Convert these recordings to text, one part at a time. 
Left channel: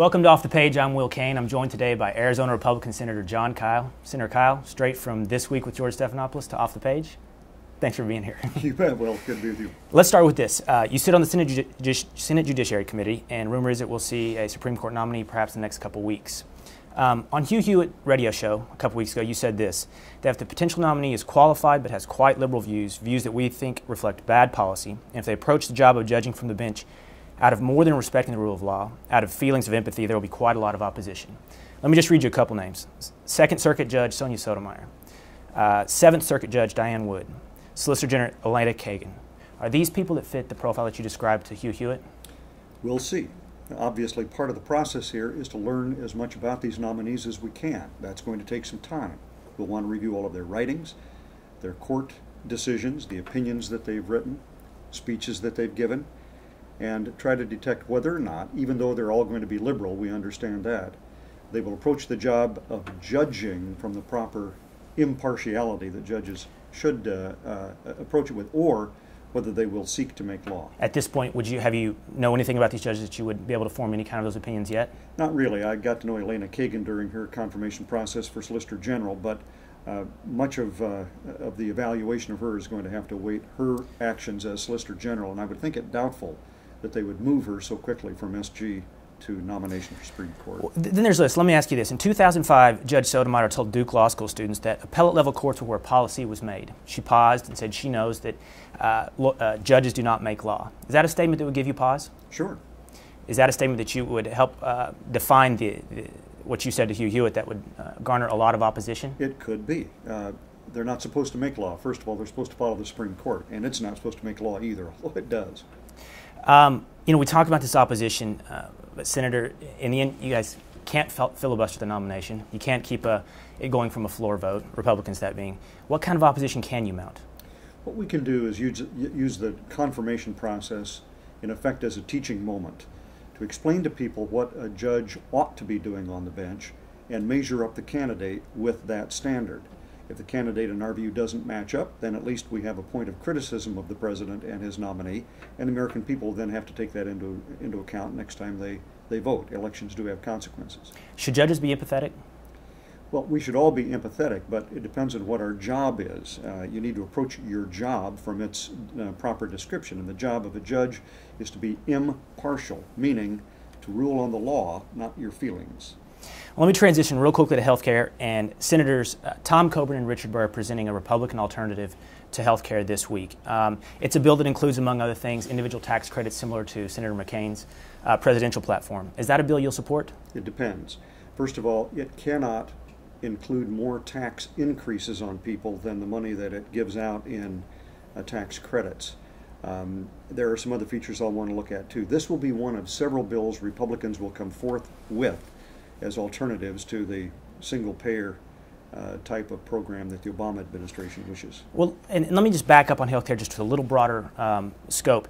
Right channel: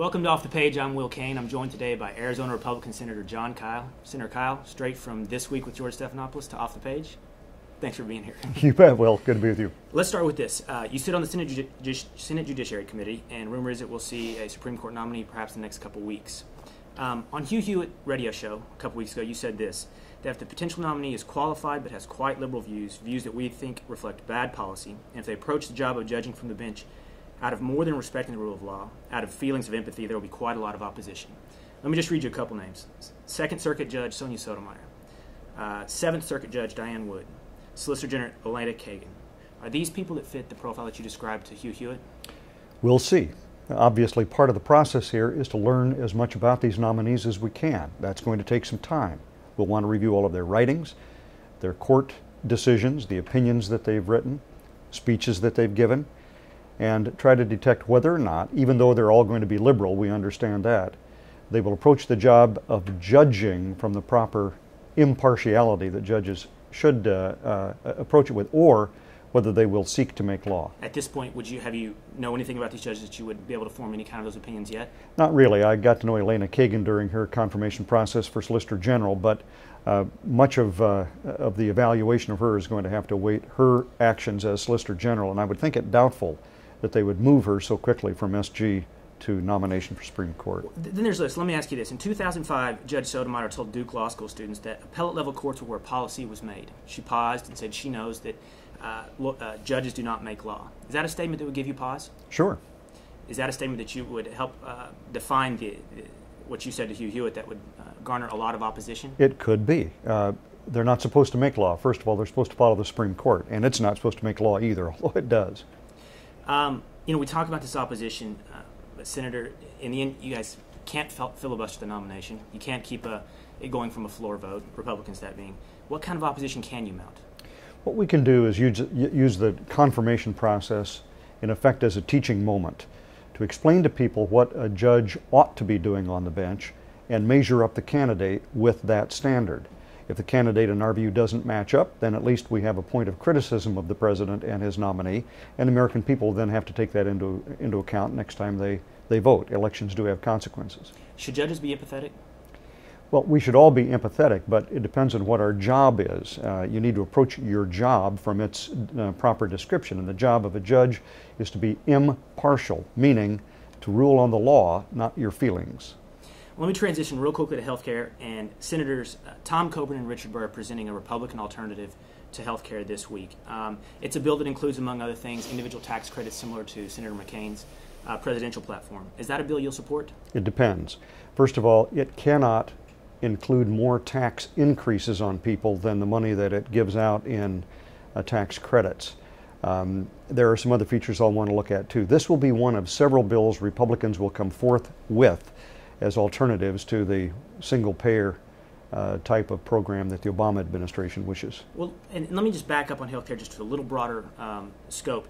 Welcome to Off the Page. I'm Will Cain. I'm joined today by Arizona Republican Senator Jon Kyl. Senator Kyl, straight from This Week with George Stephanopoulos to Off the Page. Thanks for being here. You bet, Will. Good to be with you. Let's start with this. You sit on the Senate Judiciary Committee, and rumor is that we'll see a Supreme Court nominee perhaps in the next couple weeks. On Hugh Hewitt radio show a couple weeks ago, you said this, that if the potential nominee is qualified but has quite liberal views that we think reflect bad policy, and if they approach the job of judging from the bench out of more than respecting the rule of law, out of feelings of empathy, there will be quite a lot of opposition. Let me just read you a couple names. Second Circuit Judge Sonia Sotomayor, Seventh Circuit Judge Diane Wood, Solicitor General Elena Kagan. Are these people that fit the profile that you described to Hugh Hewitt? We'll see. Obviously, part of the process here is to learn as much about these nominees as we can. That's going to take some time. We'll want to review all of their writings, their court decisions, the opinions that they've written, speeches that they've given, and try to detect whether or not, even though they're all going to be liberal, we understand that, they will approach the job of judging from the proper impartiality that judges should approach it with, or whether they will seek to make law. At this point, have you know anything about these judges that you would be able to form any kind of those opinions yet? Not really. I got to know Elena Kagan during her confirmation process for Solicitor General, but much of the evaluation of her is going to have to await her actions as Solicitor General, and I would think it doubtful that they would move her so quickly from SG to nomination for Supreme Court. Well, then there's this. Let me ask you this. In 2005, Judge Sotomayor told Duke Law School students that appellate level courts were where policy was made. She paused and said she knows that judges do not make law. Is that a statement that would give you pause? Sure. Is that a statement that you would help define what you said to Hugh Hewitt that would garner a lot of opposition? It could be. They're not supposed to make law. First of all, they're supposed to follow the Supreme Court, and it's not supposed to make law either, although it does. We talk about this opposition, but Senator, in the end, you guys can't filibuster the nomination. You can't keep it going from a floor vote, Republicans that being. What kind of opposition can you mount? What we can do is use the confirmation process, in effect, as a teaching moment to explain to people what a judge ought to be doing on the bench and measure up the candidate with that standard. If the candidate, in our view, doesn't match up, then at least we have a point of criticism of the president and his nominee, and the American people then have to take that into account next time they vote. Elections do have consequences. Should judges be empathetic? Well, we should all be empathetic, but it depends on what our job is. You need to approach your job from its proper description, and the job of a judge is to be impartial, meaning to rule on the law, not your feelings. Well, let me transition real quickly to health care, and Senators Tom Coburn and Richard Burr are presenting a Republican alternative to health care this week. It's a bill that includes, among other things, individual tax credits similar to Senator McCain's presidential platform. Is that a bill you'll support? It depends. First of all, it cannot include more tax increases on people than the money that it gives out in tax credits. There are some other features I'll want to look at too. This will be one of several bills Republicans will come forth with as alternatives to the single-payer type of program that the Obama administration wishes. Well, and let me just back up on healthcare just to a little broader scope.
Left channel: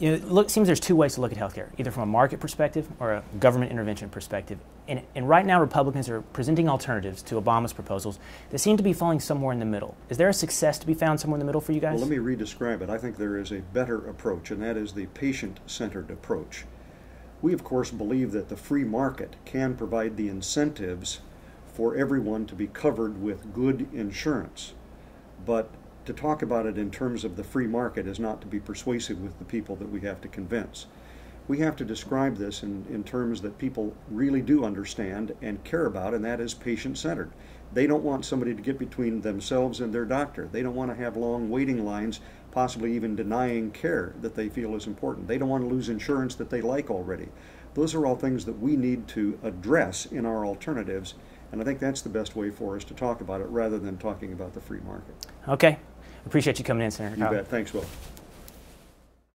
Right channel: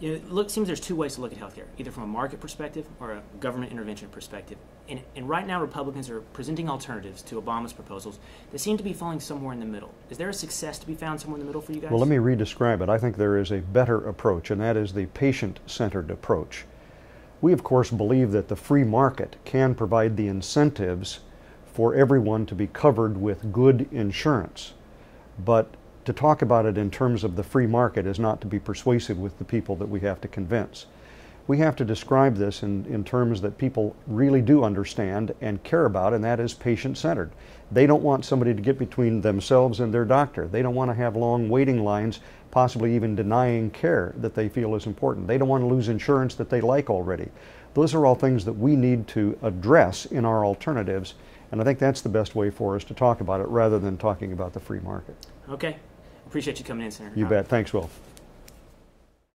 It seems there's two ways to look at healthcare, either from a market perspective or a government intervention perspective. And right now, Republicans are presenting alternatives to Obama's proposals that seem to be falling somewhere in the middle. Is there a success to be found somewhere in the middle for you guys? Well, let me re-describe it. I think there is a better approach, and that is the patient-centered approach. We, of course, believe that the free market can provide the incentives for everyone to be covered with good insurance. But to talk about it in terms of the free market is not to be persuasive with the people that we have to convince. We have to describe this in terms that people really do understand and care about, and that is patient-centered. They don't want somebody to get between themselves and their doctor. They don't want to have long waiting lines, possibly even denying care that they feel is important. They don't want to lose insurance that they like already. Those are all things that we need to address in our alternatives, and I think that's the best way for us to talk about it rather than talking about the free market. Okay. Appreciate you coming in, Senator. You bet. Thanks, Will.